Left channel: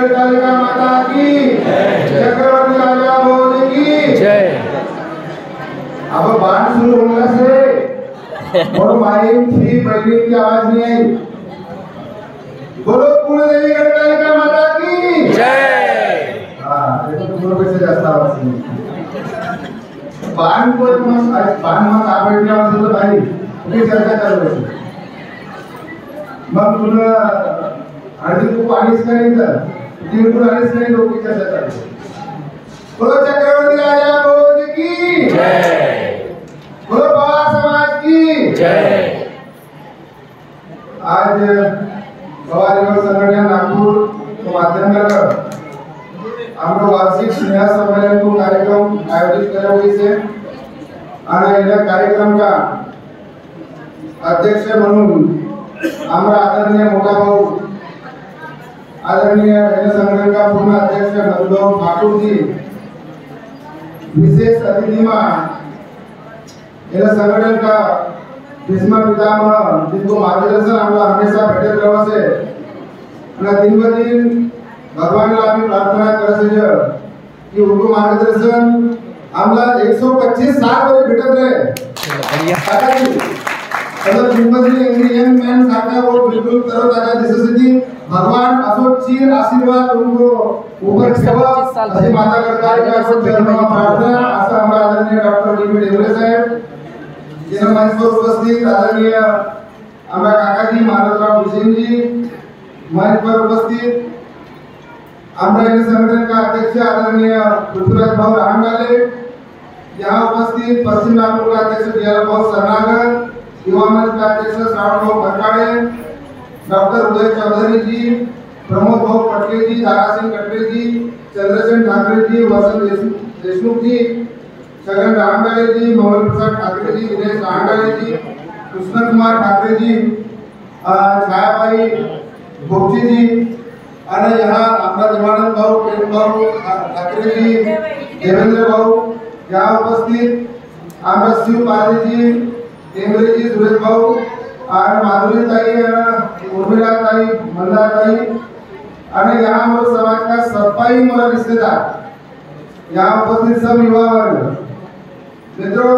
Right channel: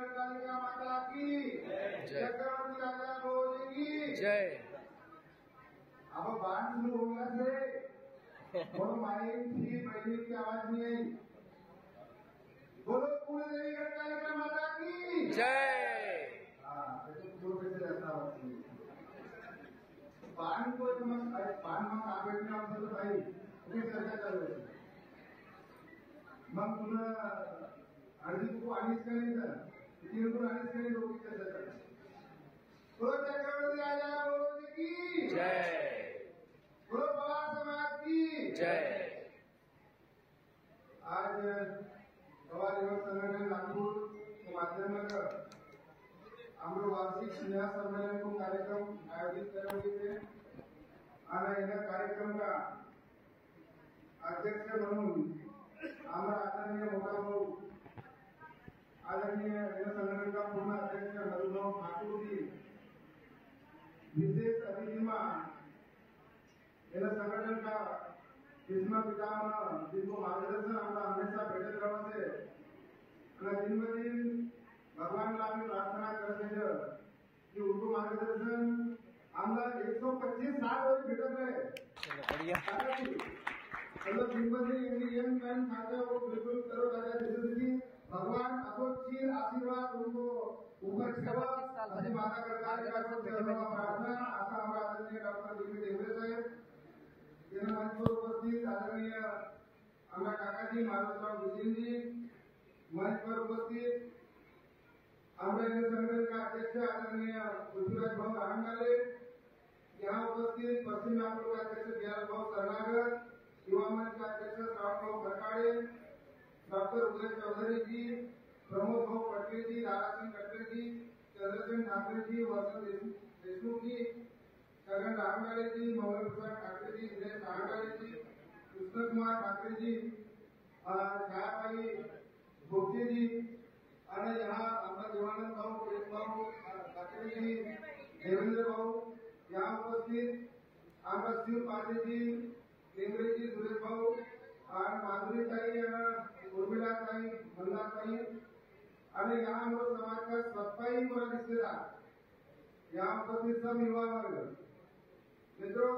गढ़कालिका माता की चक्रवर्ती राजा भोज की जय। अब बाण शुरू होने से और माइक थी बजनी की आवाज नहीं आई। बोलो कुलदेवी गढ़कालिका माता की जय। हाँ देखो तुम लोग कैसे जाता आवाज नहीं। बाण को बाण मत आवडणे वाला तो भाई उनकी चर्चा चालू है। मग तुला हळदी खूप आणीच नाही तर तिळगुळ आणीच नाही लोक चर्चा चालू है। बोलो चक्रवर्ती राजा भोज की जय। बोलो पवार समाज की जय। आज पवार युवक संघटना नागपुर के माध्यम से हम वार्षिक स्नेह सम्मेलन को कार्यक्रम आयोजित करे हुए से कार्यक्रम का अध्यक्ष म्हणून हमारा आदरणीय मोटा भाऊ आदरणीय संगठन का पूर्ण अध्यक्ष मधुभाऊ ठाकुर जी विशेष अतिथि संगठन का भीष्म पितामह जिनको मार्गदर्शन हमारा हमेशा भेटत रहो से दिन ब दिन भगवान ला आम्ही प्रार्थना करत कि उनको मार्गदर्शन आमला 125 साल वरे भेटत रहे। अगर जिंदगी यंग मैन सारखा वो बिल्कुल तरोताजा दिसत भगवान असो चीर आशीर्वाद उनको ऊपर ठेवा अशी माता गढ़कालिका को चरणों प्रार्थना। असा हमारा आदरणीय डॉक्टर डी डेवरे साहेब जिन्हें मंच पर उपस्थित आदरणीय हमारा काकाजी महाराजराव भुसेन जी मंच पर उपस्थित हमारे संगठन का अध्यक्ष आदरणीय पृथ्वीराज भाऊ राहंगाले, यहाँ उपस्थित पश्चिम नागपुर का अध्यक्ष दियाल भाऊ सरनागर, युवा मंच का अध्यक्ष श्रावण भाऊ भटकाड़े, डॉक्टर उदय चौधरी जी, प्रमोद भाऊ पटके जी, दारा सिंह कटरे जी, चंद्रसेन ठाकरे जी, वसंत देशमुख जी, छगन राहंगाले जी, मोहन प्रसाद ठाकरे जी, दिनेश राहंगाले जी, कृष्ण कुमार ठाकरे जी, छायाबाई भोगची जी, और यहाँ अपना देवानंद भाऊ, प्रेम भाऊ ठाकरे जी, देवेंद्र भाऊ यहाँ उपस्थित, हमारा शिव पाली जी, टेमरे जी, सुरेश भाऊ और माधुरी ताई, उर्मिला ताई, मंदा ताई, और यहाँ हमारे समाज का सफाई मेरा रिश्तेदार यहाँ उपस्थित सब युवा वर्ग मित्रों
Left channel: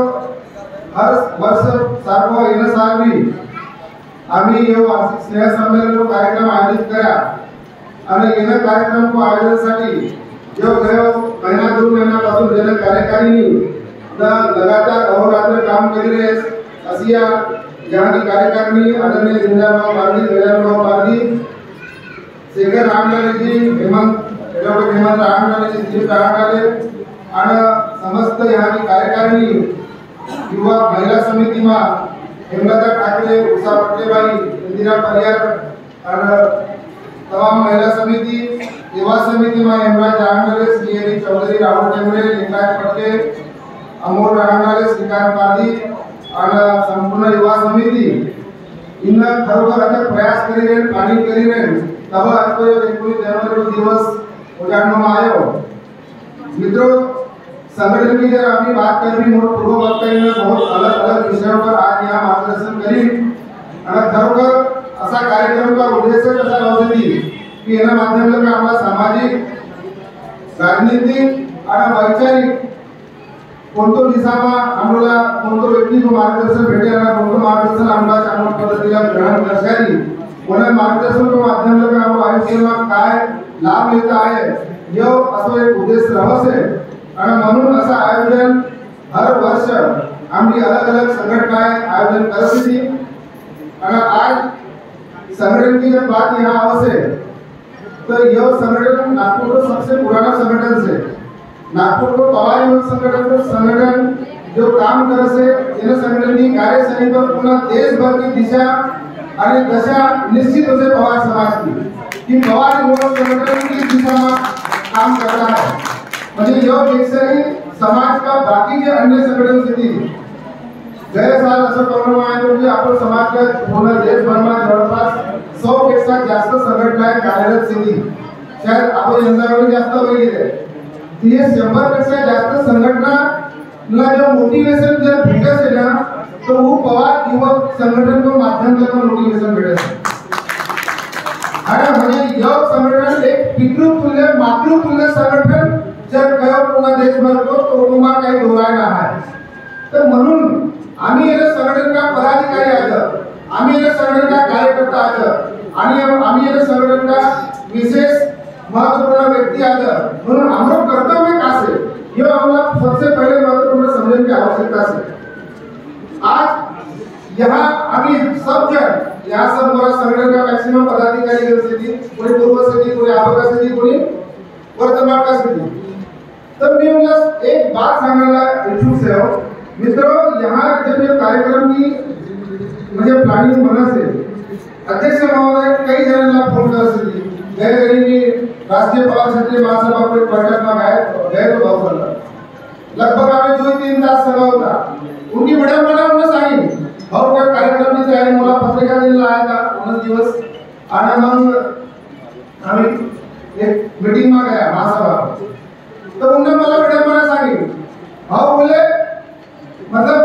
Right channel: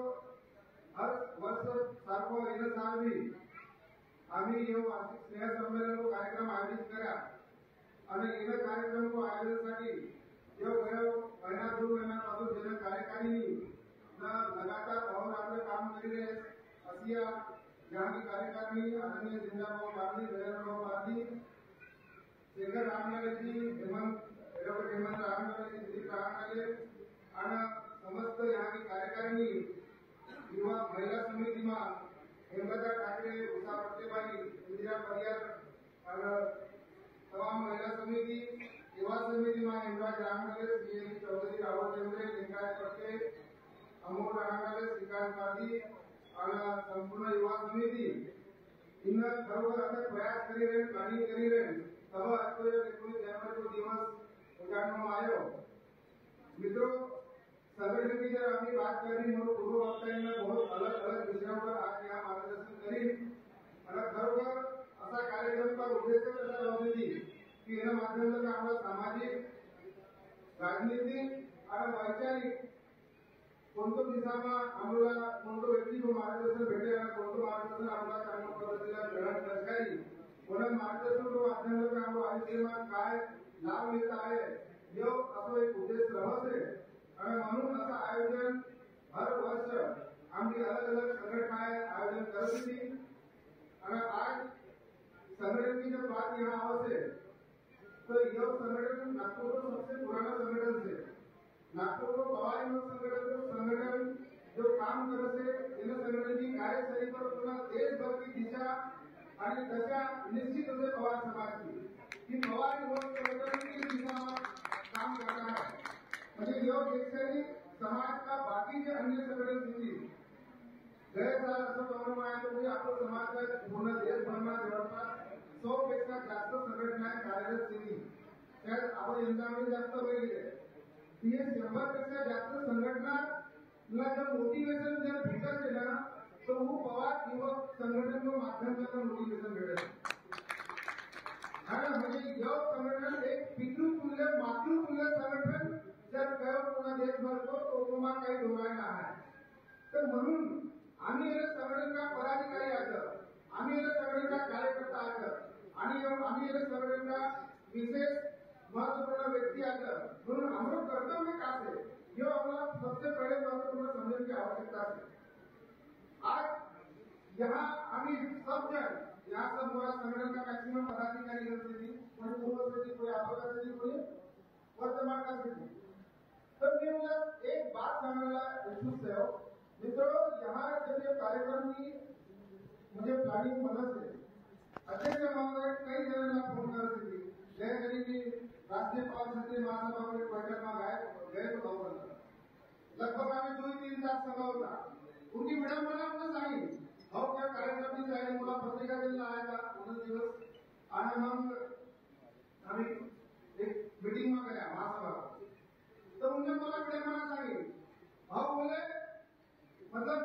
हर वर्ष सारखो येणं सारवी आम्ही ये वार्षिक स्नेह सम्मेलन को कार्यक्रम आयोजित करा અને એના કાર્યક્રમ આયોજનसाठी जो गयो महीना 2 महीना पासून जन कार्यकारिणी लगातार अहोरात्र काम कर रहे असिया यहाँ की कार्यकारिणी आदरणीय जिंदाबाद पारदी गजाननभाऊ पारदी शेखर रामलाले जी हेमंत डॉक्टर हेमंत रामलाले जी दिलीप रामलाले और समस्त यहाँ की कार्यकारिणी युवा महिला समिति में हेमलता ठाकरे उषा पटलेबाई इंदिरा परियार और तमाम महिला समिति युवा समिति में हेमराज राहंगाले, श्री चौधरी, राहुल टेमरे, लिंगायत पटके, अमोल राहंगाले, श्रीकांत पारदी और संपूर्ण युवा समिति इन खरोखर अथक प्रयास करी रहे प्लानिंग करी रहे तब आज को 19 जनवरी दिवस उजाड़ना आयो। मित्रों संगठन की जब अपनी बात कर रही मोट पूर्व वक्ता ने बहुत अलग अलग विषयों पर आज यहाँ मार्गदर्शन करी और खरोखर असा कार्यक्रम का उद्देश्य कसा लावली की एना माध्यमातून आम्हाला सामाजिक राजनीतिक आणि वैचारिक कोणतो दिशामा आम्हाला कोणतो व्यक्तीको मार्गदर्शन भेटे आणि कोणतो मार्गदर्शन आम्हाला चांगल्या पद्धतीला ग्रहण करशाली कोणा मार्गदर्शन के माध्यमातून आम्हाला आयुष्यात काय लाभ लेता आहे यो असो एक उद्देश रहसे आणि म्हणून असा आयोजन हर वर्ष आम्ही अलग अलग संघटनाएं आयोजन करत होती आणि आज संगठन की जब बात यहाँ आवश्य तो यह संगठन नागपुर का सबसे पुराना संगठन से नागपुर को पवार युवक संगठन जो काम कर से इन संगठन की कार्यशैली पर पूर्ण देश भर की दिशा और दशा निश्चित हो से पवार समाज की कि पवार युवक संगठन की दिशा में काम कर रहा है म्हणजे यह पेक्षा ही समाज का बाकी जो अन्य संगठन से थी गए साल असं प्रमाण आहे की आपण समाज का पूर्ण देश भर में जवळपास 100 पेक्षा जास्त संघटनाएं कार्यरत थी शायद आपण यंदावर जास्त होईल ती 100 पेक्षा जास्त संघटना ला जो मोटिवेशन जर भेटत है ना तो वो पवार युवक संगठन को माध्यम से मोटिवेशन भेटत है। अरे म्हणजे युवक संगठन एक पितृतुल्य मातृतुल्य संघटन जर कयो पूर्ण देशभर को तो उमा काही डोळायला आहे. तर म्हणून आम्ही या संघटन का पदाधिकारी आहोत, आम्ही या संघटन का कार्यकर्ता आहोत आणि आम्ही या संघटन का विशेष महत्वपूर्ण व्यक्ति आहोत. म्हणून हमारा कर्तव्य का से ये हमारा सबसे पहले महत्वपूर्ण समझने की आवश्यकता है. आज यहाँ अभी सब जन यहाँ सब हमारा संगठन का मैक्सिमम पदाधिकारी से थी, कोई पूर्व से थी, कोई आगे से थी, कोई वर्तमान का से थी. तब मैं उन्हें एक बात सांगना इच्छुक से हो मित्रों, यहाँ जब ये कार्यक्रम की मुझे प्लानिंग बना से अध्यक्ष महोदय कई जनों फोन कर से थी गए करीबी राष्ट्रीय पवार क्षेत्रीय महासभा पर बैठक में गए तो बहुत लगभग आम्ही 2-3 तास सभा होता. उनकी विडंबना उन्हें सांगितली भाऊ क्या कार्यक्रम की तयारी मला पत्रिका द्यायला आया था 19 दिवस आणि मग आम्ही एक मीटिंग में गया महासभा. तो उन्होंने मला विडंबना सांगितली भाऊ बोले मतलब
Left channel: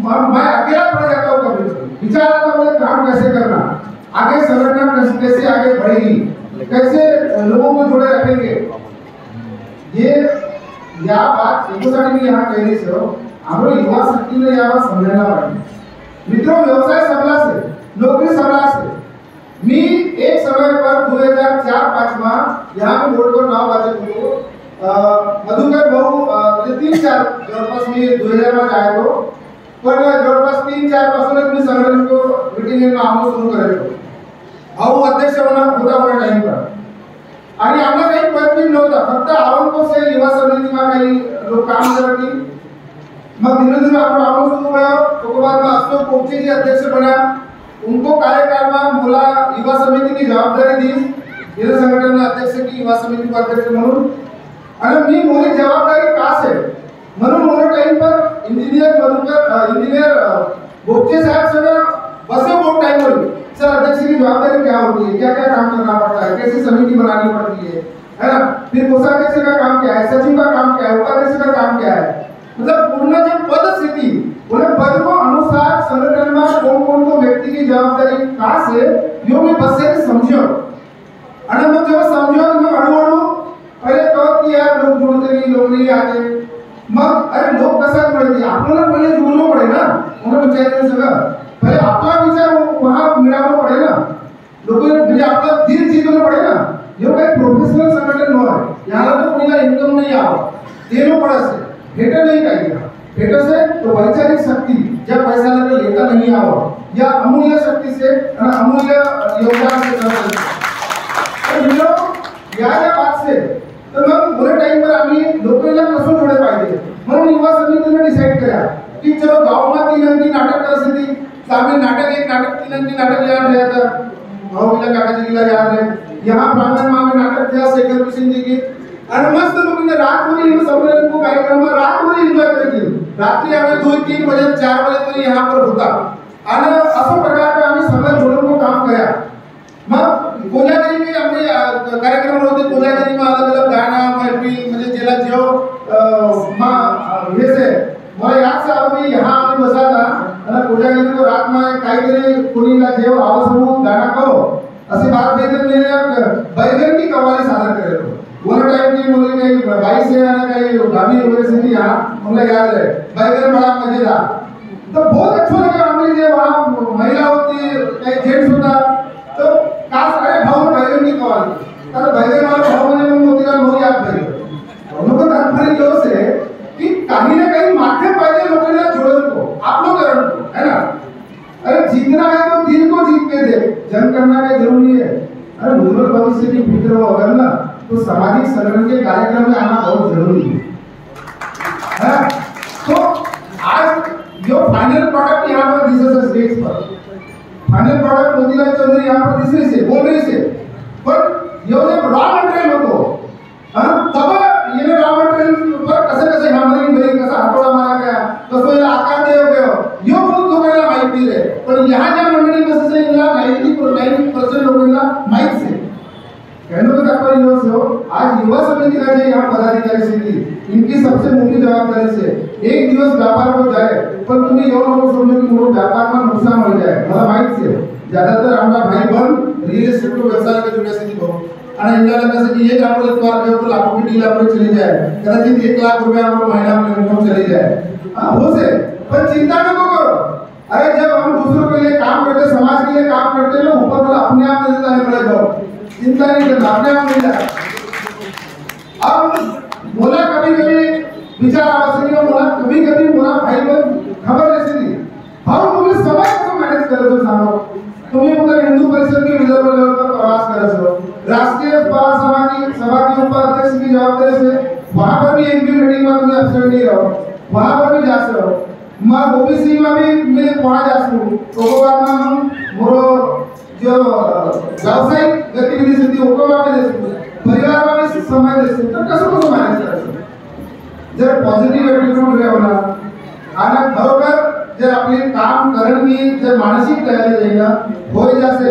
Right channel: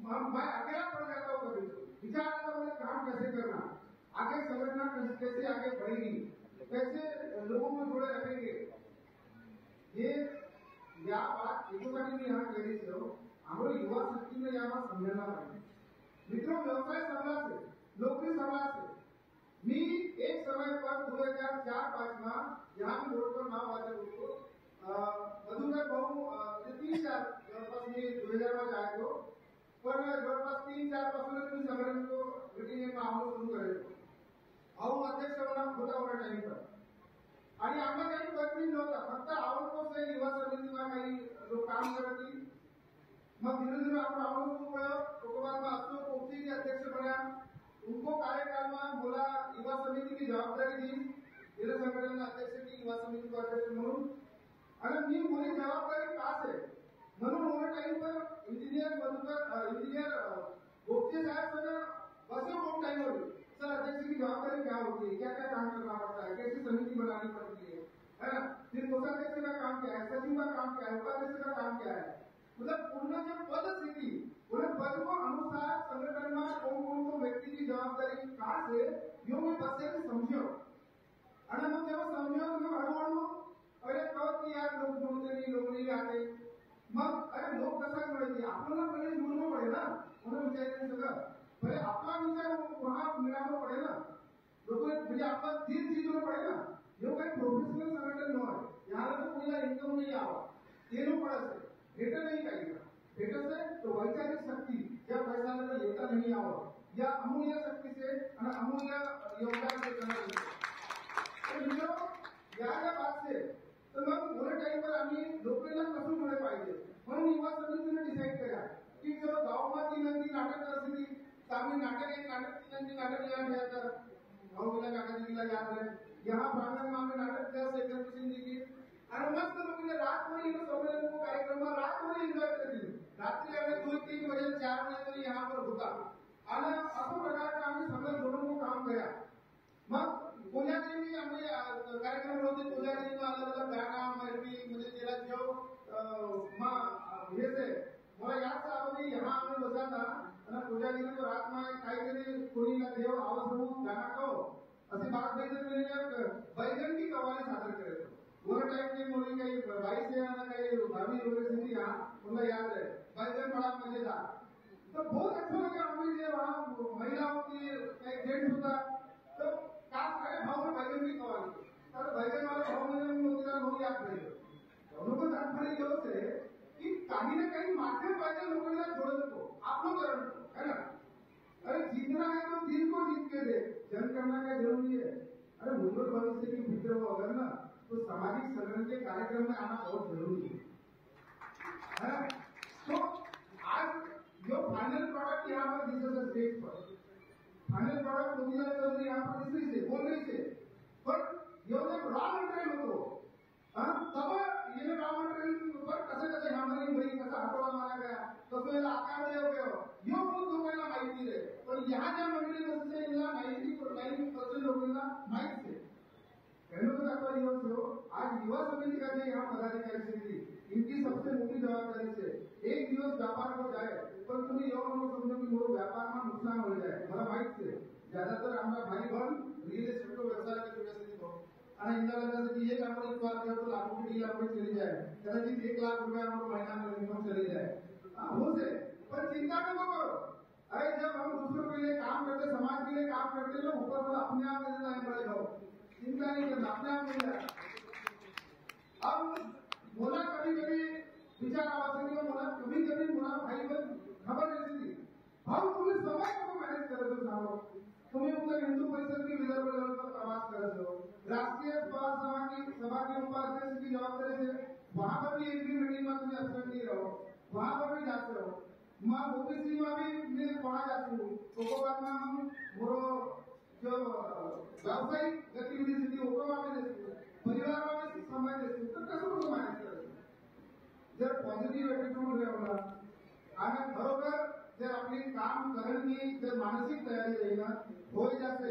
मैं अकेला पड़ जाता हूँ कभी विचार आता बोले काम कैसे करना, आगे संगठन कैसे आगे बढ़ेगी, कैसे लोगों को जुड़े रखेंगे. ये या बात एकोसाठी यहाँ कहने से हो हमारे युवा शक्ति ने यहाँ समझना पड़ेगा. मित्रों, व्यवसाय सबला से, नौकरी सबला से. मी एक समय पर 2004-5 में यहाँ पे बोर्ड पर नाव वाचक होतो. मधुकर भाऊ 3-4 जवळपास मी 2000 मध्ये आलो, पण जवळपास 3-4 पासूनच मी संघटन को मीटिंग में आऊन सुरू करायचो. भाऊ अध्यक्ष होता मला टाइम पर आणि आम्हाला काही पदवी नव्हता, फक्त आवनको से युवा समिति में काही लोग काम करती. मग धीरे धीरे आपण आवून सुरू हुआ. उसके बाद में अशोक पोपचे जी अध्यक्ष बना. उनको कार्यकाल में बोला युवा समिति की जवाबदारी दी, ये संगठन अध्यक्ष की युवा समिति का अध्यक्ष म्हणून. आणि मी मोरी जवाबदारी का से म्हणून मोरे टाइम पर इंजीनियर बोपचे साहब सगळं बसे बहुत टाइम हो. सर अध्यक्ष की जवाबदारी क्या होती है, क्या क्या काम करना पड़ता है, कैसी समिति बनानी पड़ती है ना. फिर कोषाध्यक्ष का काम क्या है, सचिव का काम क्या है, उपाध्यक्ष का काम क्या है. मतलब पूर्ण जो पद स्थिति उन्हें पद को अनुसार संगठन में कौन कौन को व्यक्ति की जवाबदारी कहाँ से यो मैं बस से समझो. और जब समझो तो मैं हड़ू पहले कहो कि यार लोग जुड़ते नहीं, लोग नहीं आते. मग अरे लोग कसा जुड़ते, आपल्याला पहिले जुळलो पडे ना. उन्हें विचारायचं सगळं पहले आपला विचार वहाँ मिळावं पडे ना. लोक म्हणजे आपला दिल जीतवलं पडे ना. यो काही प्रोफेशनल संगठन न आहे, याला तो कोणीला इन्कम नहीं आवा देनो पड़े से भेटे नहीं चाहिए. भेटे से तो वैचारिक शक्ति जब पैसा लगे लेता नहीं आवा या अमूल्य शक्ति से अमूल्य योगदान से कर या बात से. तर मग पुरे टाइम पर आम्ही लोकांना कसं जोडले पाहिजे म्हणून युवा समितीने डिसाइड करा की चलो गाव में 3 अंकी नाटक कर सी सामने नाटक एक नाटक 3 अंकी नाटक याद है था भाऊला काकाजी का याद है. यहाँ प्रांगण में नाटक था शेखर किशन जी की और मस्त लोगों रात में इन सम्मेलन को कार्यक्रम में रात में एंजॉय करके रात्रि आम्ही 2-3 बजे 4 बजे तरी यहाँ पर होता आणि अशा प्रकारचे आम्ही सगळे जोडून को काम करा. मग कोजागिरी में आम्ही कार्यक्रम होते. कोजागिरी में अलग अलग गाना महफिल म्हणजे जेला जो हे से मला याद से आम्ही यहाँ आम्ही बसा था आणि कोजागिरी को रात में काहीतरी कोणीला जेव आवश्यक गाना करो अशी बात भेटत नाही. बैगन की कव्वाली सादर करे वन टाइम की मुझे कहीं 22 से आना कहीं गामी यूनिवर्सिटी यहाँ मुझे याद है बैगन बड़ा मजेदार. तो बहुत अच्छा लगा. हमें जो वहाँ महिला होती कहीं जेंट्स होता तो काश अरे भाव बैगन की कव्वाली तर बैगन वाला भाव म्हणजे मग मोतीला मोरी याद बैगन. उनको तात्पर्य यो से कि कहीं ना कहीं माध्यम पाहिजे लोकांना जोड़न को आपलोकरण को है ना. अरे जीतना है तो दिल को जीत के दे, जंग करना क्या जरूरी है. अरे उज्जवल भविष्य की फिक्र हो अगर ना तो सामाजिक संगठन के कार्यक्रम में आना बहुत जरूरी है. तो आज जो फाइनल प्रोडक्ट यहाँ पर दिस है स्टेज पर फाइनल प्रोडक्ट मोतीलाल चौधरी यहाँ पर दिस रही से बोल रही से पर यो जब रॉ मटेरियल होतो तब ये रॉ मटेरियल पर कसे हमारी बरी कसा हातोडा मारा गया कसो याला आकार दिया गया यो बहुत लोकांना माहिती आहे. पण यहाँ ज्या मंडळी कसं से इला 90% लोकांना माहित से कहने का तात्पर्य यो से हो आज युवा समिति का जो यहाँ पदाधिकारी से इनकी सबसे मोटी जवाबदारी से एक दिवस व्यापार हो जाए पर तुम्हें यो लोग समझो कि मोर व्यापार में नुकसान हो जाए मला माहित से ज्यादातर हमारा भाई बहन रियल एस्टेट को व्यवसाय के जुड़े से बहुत અને इंडिया लगा से कि ये काम एक बार करो तो लाखों की डील आपको चली जाए, कदाचित 1 लाख रुपया आपको महीना में इनकम चली जाए। हो से पर चिंता न करो। अरे जब हम दूसरों के लिए काम करते, समाज के लिए काम करते ना, ऊपर वाला अपने आप दे देता है बड़े को, चिंता नहीं करना, अपने आप मिल जाए। अब बोला कभी-कभी विचार आवश्यक है, बोला कभी-कभी बोला भाई लोग खबर ऐसी थी, हम तुम्हें समाज को मैनेज कर दो सामने, तुम्हें उधर हिंदू परिषद के विदर्भ लेवल पर प्रवास कर सो, राष्ट्रीय सभा के उपाध्यक्ष की जवाबदारी से वहाँ पर भी एक भी मीटिंग में तुम्हें अवसर नहीं रहो, वहाँ पर भी जा सको, मैं ओबीसी में भी मैं वहाँ जा सकूँ, तो बाद में हम मोरो जो व्यावसायिक गतिविधि से थी वो वहाँ पे दे सकूँ, परिवार में भी समय दे सकूँ, तो कैसे को मैनेज कर सकूँ? जब पॉझिटिव्ह एटीट्यूड रहेगा आणि खरोखर जर आपली काम करण्याची जर मानसिक तयारी आहे ना होय जाते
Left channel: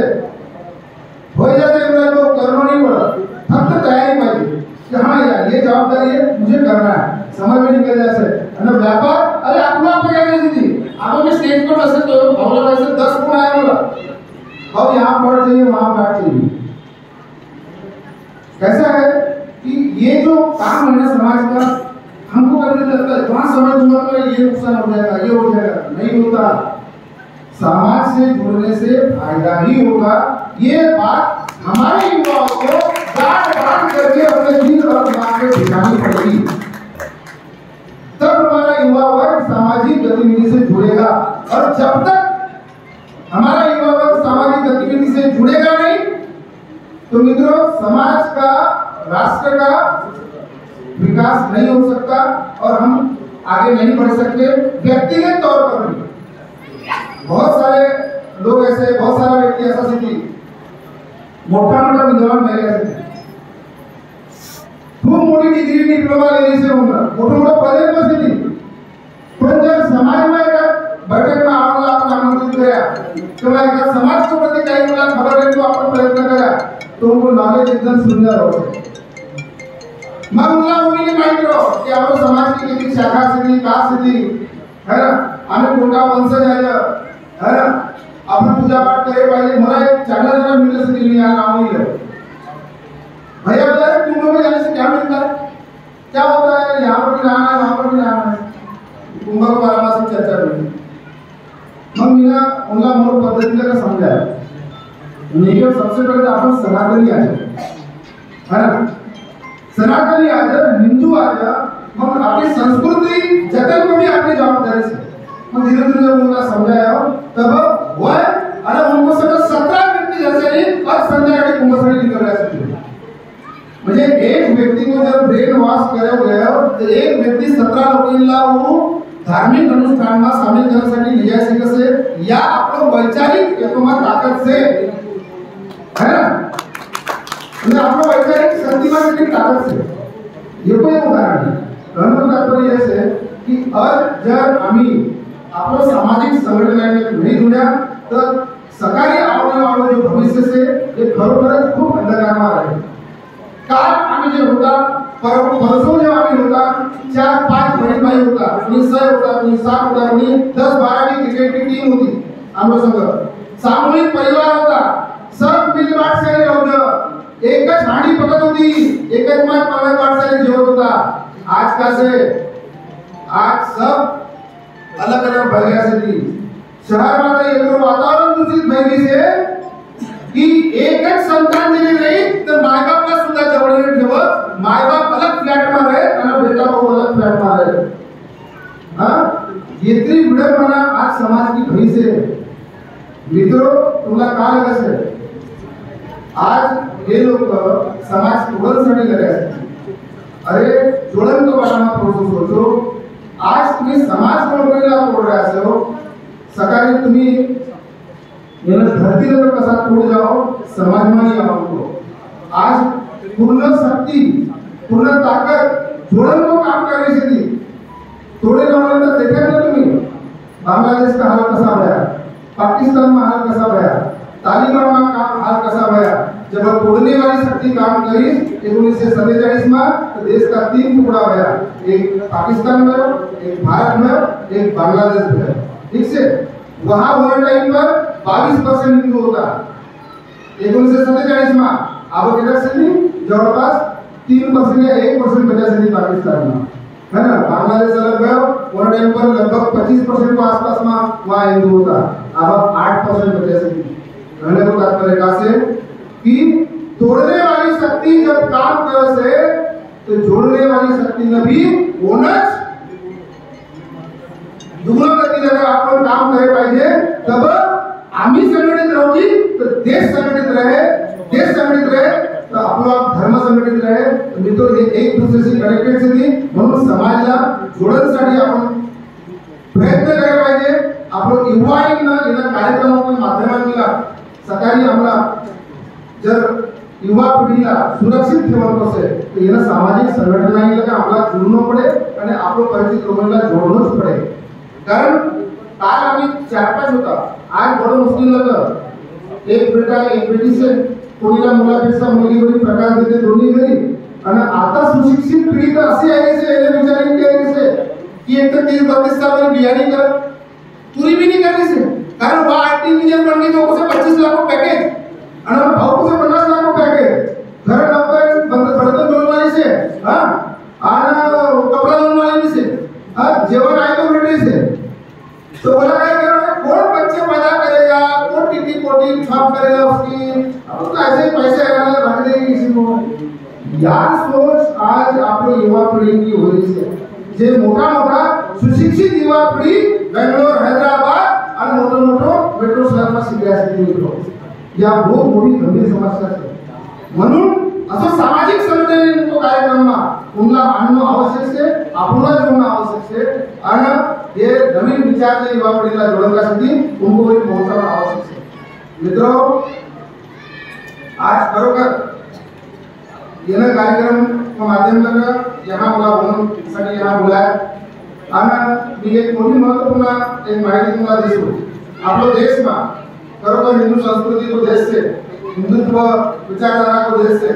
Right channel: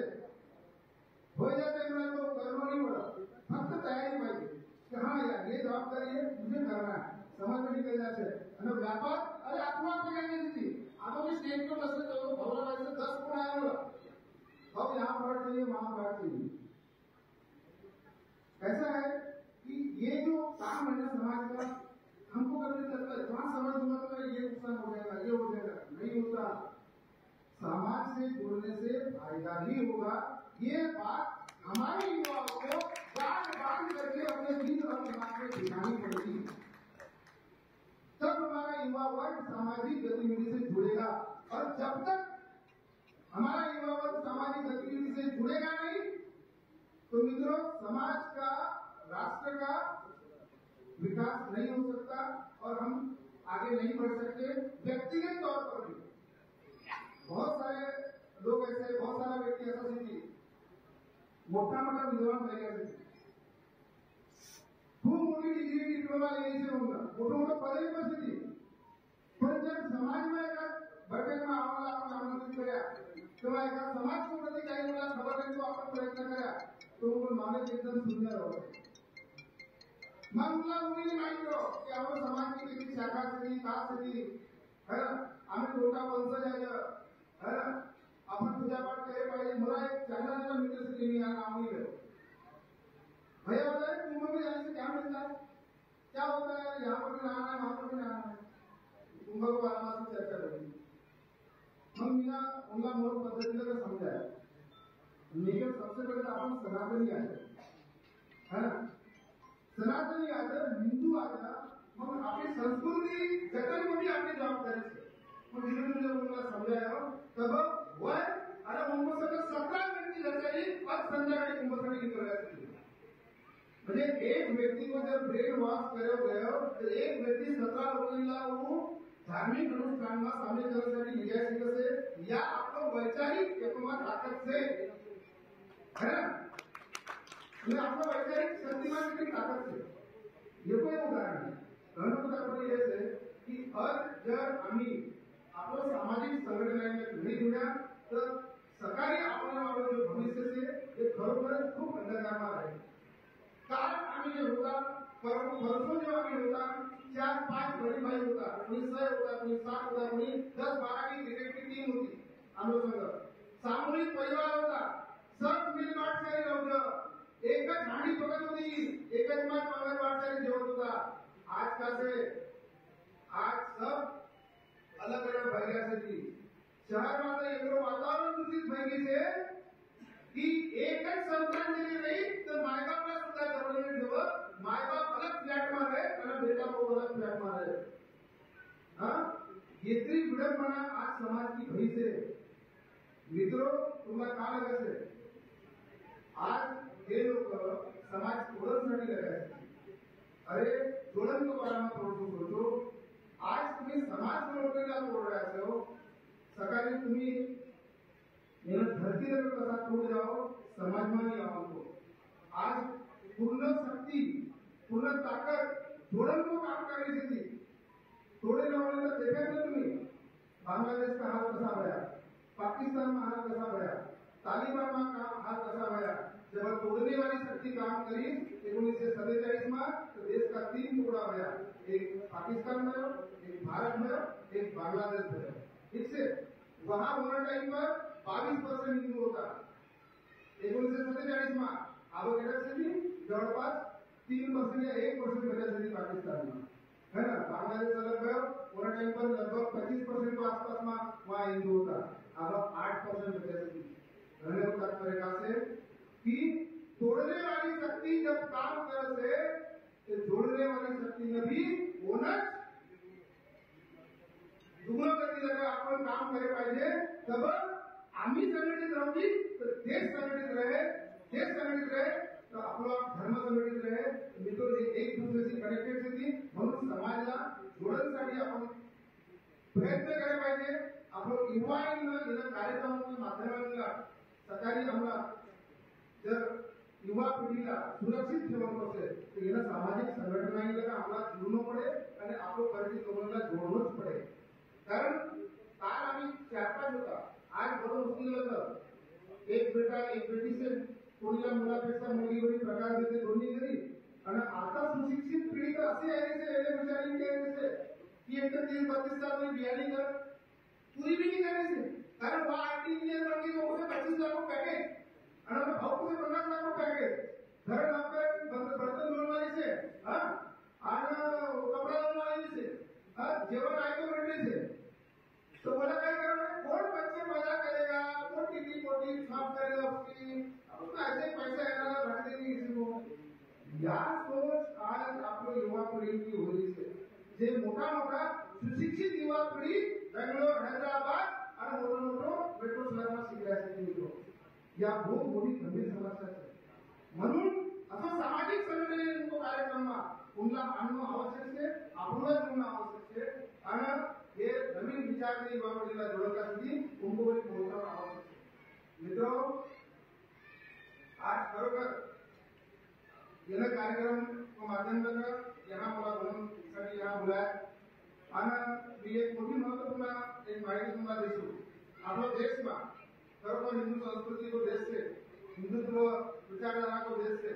म्हणजे तो करनो नहीं पड़ा, फक्त तयारी पाहिजे कि हाँ यार ये जवाबदारी है, मुझे करना है, समय में निकल जाए आणि व्यापार अरे आपको आप क्या कहते थी आप में स्टेज पर बसे तो भावला भाई से 10 फोन आया बोला अब यहाँ पर चाहिए वहाँ पर चाहिए। कैसा है कि ये जो काम है ना समाज का हमको करने लगता है, वहाँ समझ दूंगा तो ये नुकसान हो जाएगा, ये हो जाएगा, नहीं होता। समाज से जुड़ने से फायदा ही होगा। ये बात हमारे युवाओं को गांठ करके अपने दिल और दिमाग में बिठानी पड़ेगी, तब हमारा युवा वर्ग सामाजिक गतिविधि से जुड़ेगा। और जब तक हमारा युवा वर्ग सामाजिक गतिविधि से जुड़ेगा नहीं, तो मित्रों समाज का, राष्ट्र का विकास नहीं हो सकता और हम आगे नहीं बढ़ सकते। व्यक्तिगत तौर पर भी बहुत सारे लोग ऐसे, बहुत सारे व्यक्ति ऐसा सिद्धि मोटा विद्वान पहले खूब मोटी डिग्री डिप्लोमा लेने से होगा, मोटा पदे पर सिद्धि, पण जर समाज में बैठक में आम्हाला आपण आमंत्रित करा किंवा एका समाज के प्रति काही मुला खबर आहे तो आपण प्रयत्न करा, तो उनको नॉलेज एकदम सुंदर होते। मग मुला मुलीने माहिती रहो की आपण समाज की किती शाखा स्थिती, कास्ट स्थिती है ना, आम्ही कोणता वंशज आहे है ना, आपण पूजा पाठ करे पाहिजे। मला एक चांगला जरा मित्र से दिल्ली आना हुई है भैया, बता कुंभ में जाने से क्या मिलता है, क्या होता है, यहाँ पर भी रहना है वहाँ पर भी रहना है, कुंभ के बारे में सब चर्चा हुई। मग मीना उनला मूल पद्धति का समझाया, उन्हें सबसे पहले अपन सनातनी आ जाए है ना, सनातनी आ जाए, हिंदू आ जाए, मग अपनी संस्कृति जतन को भी अपनी जवाबदारी से मग धीरे धीरे जब उनका समझाया तब वह अरे उनको सगळं 17 व्यक्ती जैसे और संध्याकाळी कुंभसाठी निकल रहे थे। म्हणजे एक व्यक्ती को जब ब्रेन वॉश करे गया तो एक व्यक्ती 17 लोकांना वो धार्मिक अनुष्ठान में शामिल करण्यासाठी निजायचे कसे या आपलं वैचारिक एकमा ताकद से है ना, म्हणजे आपलं वैचारिक शक्तिमान की ताकद से ये कोई उदाहरण है। कहने का तात्पर्य यह है कि जर आम्ही आपलं सामाजिक संघटनांनी नहीं जुड्या तर सकाळी आवडे वाले जो भविष्य से ये खरोखरच खूप अंधकारमय आहे। काल आम्ही जे होता परसों जो आम्ही होता 4-5 बहीण भाई होता, कोणी 6 होता, कोणी 7 होता, कोणी 10-12 की क्रिकेट की टीम होती आमच्या संघ, सामूहिक परिवार होता, सब मिलबाट से होतं, एकच हांडी पकत होती, एकच माय परिवार से जेवत होता। आज का से आज सब अलग अलग भैया से थी, शहर में तो एक वातावरण दूषित भैली से कि एकच संतान जरी रही तो माय बाप का सुद्धा जवळ नाही ठेवत, माय बाप अलग फ्लॅट में रहे आणि बेटा भाऊ अलग फ्लॅट में रहे। हाँ इतनी विडंबना आज समाज की भई से मित्रों तुम्हाला काय लगे आज ये लोग समाज तोडण्यासाठी लगे आहेत। अरे जोड़न को बारे में थोड़ा सोचो, आज तुम्ही समाज तोडण्याला तोड रहे हो, सकाळी तुम्ही याला धरती पर कसा तोड़ जाओ समाज में ही आओ। आज पूर्ण शक्ति, पूर्ण ताकत जोड़न को काम करने से थी, तोड़े जाने तो देखा ना तुम्ही बांग्लादेश का हाल कसा भया, पाकिस्तान में हाल कसा भया, तालिबान में काम हाल कसा भया। जब तोड़ने वाली शक्ति काम करी 1947 में तो देश का 3 टुकड़ा गया, एक पाकिस्तान में, एक भारत में, एक बांग्लादेश में। ठीक से वहां वन टाइम पर 22% हिंदू होता, 1947 मा आपण केल्यासाठी जवळपास 3% या 1% बचासाठी पाकिस्तान में है ना। बांग्लादेश लगभग वन टाइम पर लगभग 25% के आसपास में वहाँ हिंदू होता, अब 8% बचासाठी। कहने को तात्पर्य का से कि तोड़ने वाली शक्ति जब काम कर से तो जोड़ने वाली शक्ति में भी होनच दुगुना गतीने जर आपण काम करे पाहिजे तब आम्ही संघटित राहू की तर देश संघटित रहे, देश संघटित रहे तर आपला धर्म संघटित रहे। मित्रों हे एक दुसऱ्याशी कनेक्टेड सिटी म्हणून समाजाला जोडण्यासाठी आपण प्रयत्न करायला पाहिजे। आपण युवाईंना या कार्यक्रमाच्या माध्यमांना सकाळी आम्हाला जर युवा पिढीला सुरक्षित ठेवणं असेल तर याला सामाजिक संघटनांना का आपला जुळणं पडे आणि आपलं परिचित लोकांना जोडणंच पडे। कारण काल आम्ही 4-5 होता, आज बडो मुश्किल लग एक बेटा एक बेटी से कोणीला मुलापेक्षा मुलगी बरी प्रकाश देते दोन्ही घरी आणि आता सुशिक्षित पिढी तर अशी आहे से याने विचारिंग केली से की एक तर 30-32 साल में बियानी कर पूरी भी नहीं करनी से। कारण वह आईटी इंजीनियर बन गई तो उसे 25 लाख पैकेज और भाव को से 50 लाख पैकेज घर नौकर बंद बर्तन धोने वाली से हां और कपड़ा धोने वाली से हां जेवण आए तो भेटे से तो बोला क्या करोगे कौन बच्चे पैदा करेगा, कौन टिटी पोटी छाप करेगा उसकी, अब तो ऐसे पैसे आने रख देंगे किसी को। यार सोच आज आप युवा पीढ़ी की हो रही है जे मोटा मोटा सुशिक्षित युवा पीढ़ी बेंगलोर हैदराबाद और मोटो मोटो मेट्रो शहर में शिकण्यासाठी निघतो या बहुत मोठी गंभीर समस्या आहे। म्हणून असं सामाजिक संघटनेचा कार्यक्रम उनला आणणं आवश्यक आहे, आपणला जोडणं आवश्यक आहे आणि ये नवीन विचार युवा पिढीला जोडण्यासाठी उनको भी पहुंचाना आवश्यक है। मित्रों आज खरोखर यह कार्यक्रम के माध्यम से यहाँ मला बोलण्यासाठी यहाँ बुलाया आणि मी एक मोठी महत्वपूर्ण एक माहिती तुम्हाला देतो। आपलो देश में खरोखर हिंदू संस्कृति को देश से हिंदुत्व विचारधारा को देश से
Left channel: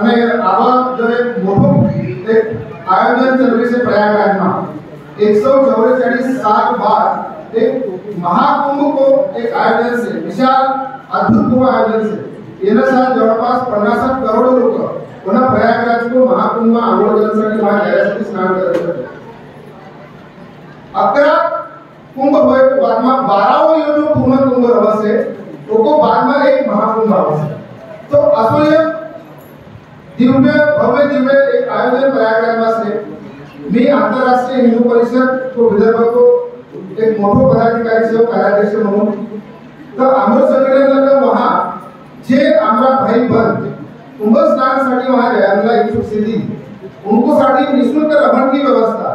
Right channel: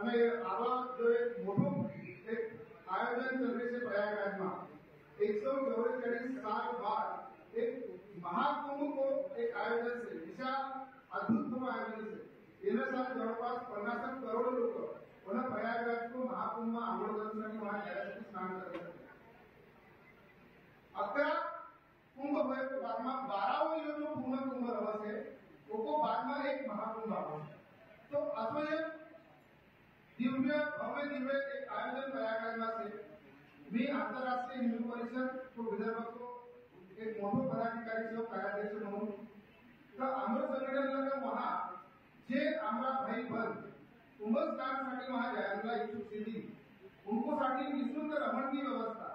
અને આવા જો એક મોટું એક આયોજન ચલવે છે પ્રયાગરાજમાં 144 साल बाद एक महाकुंभ को एक आयोजन से विशाल अद्भुत आयोजन से येना साल जवळपास 50 करोड लोक पुन्हा प्रयागराज को महाकुंभ आंघोळ करण्यासाठी वहां जाण्यासाठी स्नान करतात। 11 कुंभ होए तो बाद में 12वां यो जो पूर्ण कुंभ रहसे तो को बाद में एक महाकुंभ आवશે। तो असो ये दिव्य भव्य दिव्य एक आयोजन प्रयागराज में से मी आंतरराष्ट्रीय हिंदू परिषद को विदर्भ को एक मोठो पदाधिकारी से कार्याध्यक्ष म्हणून तर आमर संघटनेला वहां जे आमरा भाई बंद कुंभ स्नानासाठी वहां जायला इच्छुक सिद्धी उनको साठी निशुल्क रमण की व्यवस्था,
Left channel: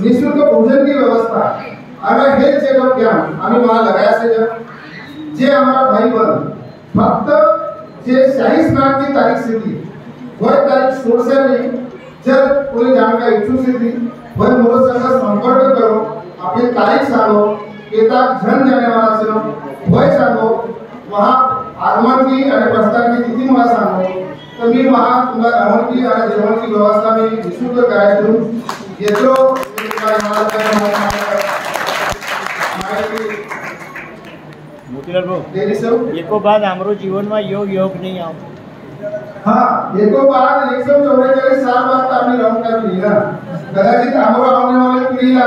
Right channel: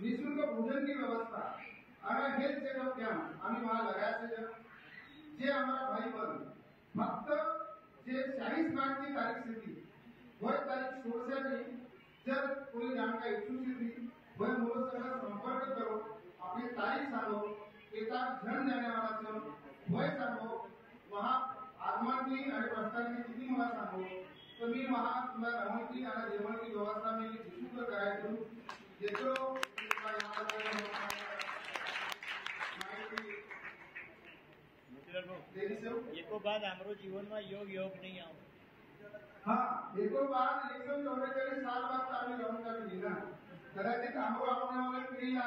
निशुल्क भोजन की व्यवस्था और हेल्थ चेकअप कैंप आम्ही वहां लगाया से जे हमारा भाई बंद फक्त जे शाही स्नान की तारीख से थी वह तारीख 16 से नहीं जब कोई जाने का इच्छुक से थी वह मोर संग संपर्क करो, अपनी तारीख सांगो, केता जन जाने वाला से वह सांगो, वहां आगमन की और प्रस्थान की तिथि मला सांगो तो मी वहां तुम्हाला राहण की और जेवण की व्यवस्था में निशुल्क करायचो। येतो मोतीलाल भाऊ एको बाद हमरो जीवन में योग नहीं आओ हाँ एको बाद 144 साल बाद आम्ही राहून का लिहिला कदाचित हमरो आने वाले पिढीला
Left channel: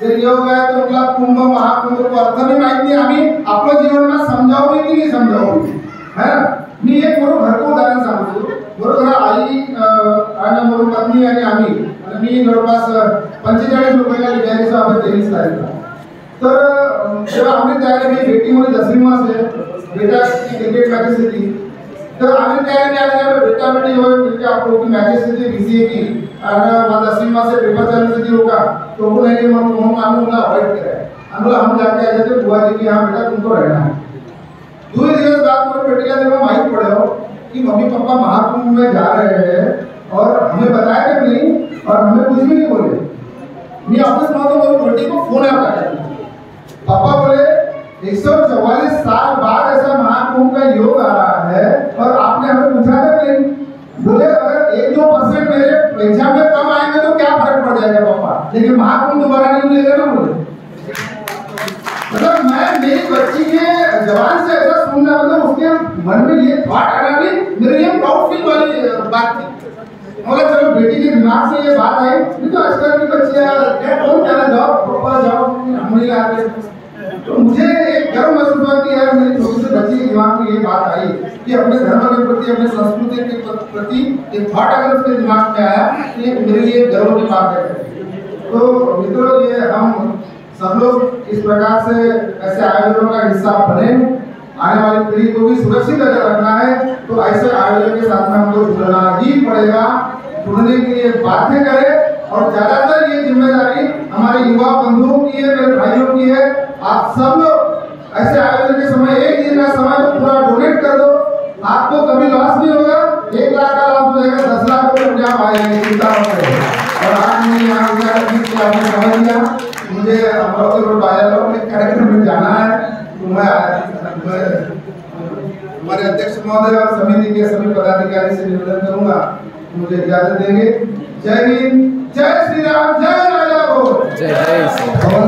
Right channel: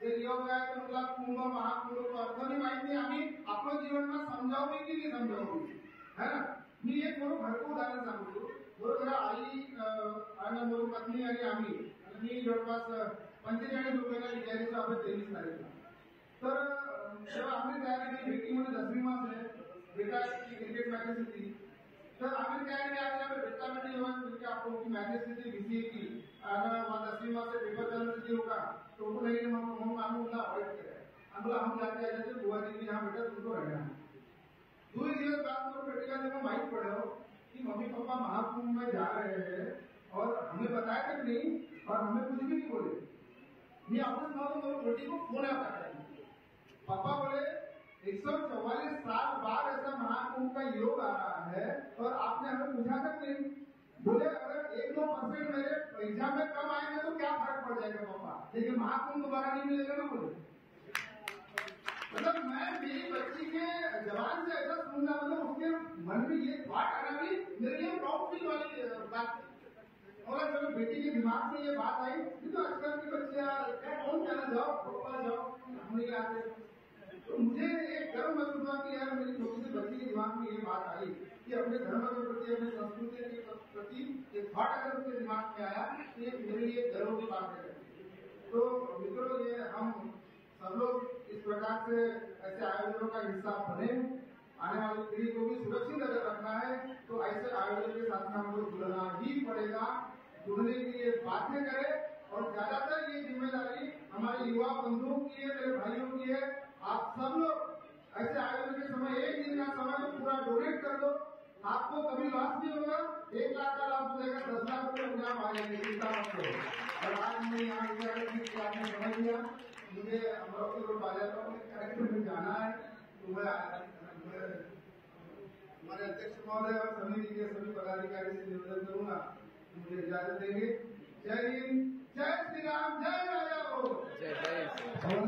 ते योग आहे तो उनला कुंभ महाकुंभ को अर्थ भी माहित नहीं आम्ही आपलं जीवन में समजावू की नहीं समजावू है ना। मी एक मोठं घरको उदाहरण सांगतो। बरोबर आई आणि मोर पत्नी आणि आम्ही आणि मी जवळपास 45 लोकांना लिहायचं आपण 23 तारीखला तर जेव्हा आम्ही त्याला मी भेटीमध्ये 10वी मासे बेटा की क्रिकेट मॅचेस होती तर आम्ही त्याने आले बेटा बेटी होय म्हणजे आपण की मॅचेस होती बीसीए की और 10वीं मासे पेपर चालू थी होगा तो वो नहीं हम उन्हें अवॉइड कराए हम जाके आए थे बुआ जी की हाँ बेटा तुमको रहना है। 2 दिवस बाद मेरे बेटे का जब माहित पड़ा कि मम्मी पापा महाकुंभ में जा रहे हैं और हमें बताया कि नहीं और हमें कुछ भी नहीं बोले। मैं ऑफिस में तो मेरे बेटे को फोन आया पापा बोले 144 साल बाद ऐसा महाकुंभ का योग आ रहा है और आपने हमें पूछा था नहीं। बोले अगर 1-2% मेरे एग्जाम में कम आएंगे तो क्या फर्क पड़ जाएगा पापा, लेकिन महाकुंभ दोबारा नहीं मिलेगा ना। बोले मतलब मैं मेरी बच्ची के जवान से ऐसा सुनना मतलब उसके मन में ये थॉट आना नहीं, मेरे लिए प्राउड फील वाली बात थी। और चलो बेटी के दिमाग से ये बात आई, नहीं तो आजकल की बच्चियां कौन कहना जॉब पापा जॉब हम नहीं लाते। तो मुझे एक गर्व महसूस हुआ कि यार मेरी छोटी सी बच्ची के दिमाग में ये बात आई कि अपने धर्म के प्रति, अपने संस्कृति के प्रति एक थॉट अगर उसके दिमाग में आया तो ये मेरे लिए गर्व की बात है। तो मित्रों, ये हम सब लोग इस प्रकार से ऐसे आयोजनों का हिस्सा बने, आने वाली पीढ़ी को भी सुरक्षित अगर रखना है तो ऐसे आयोजन के साथ में हमको जुड़ना ही पड़ेगा। जुड़ने के लिए बातें करें और ज्यादातर ये जिम्मेदारी हमारे युवा बंधुओं की है, मेरे भाइयों की है। आप सब लोग ऐसे आयोजन के समय एक दिन का समय तो पूरा डोनेट कर दो, आपको कभी लॉस नहीं होगा। 1 लाख का लॉस हो जाएगा, 10 लाख रुपये अपने आप आएंगे, चिंता मत करें। और आज मैं यहाँ आपने समझ लिया, मुझे अमरावती रोड बाजार में कार्यक्रम में जाना है, तो मैं हमारे अध्यक्ष महोदय और समिति के सभी पदाधिकारी से निवेदन करूंगा मुझे इजाजत देंगे। जय हिंद, जय श्री राम, जय राजा बोल, जय जय श्री राम।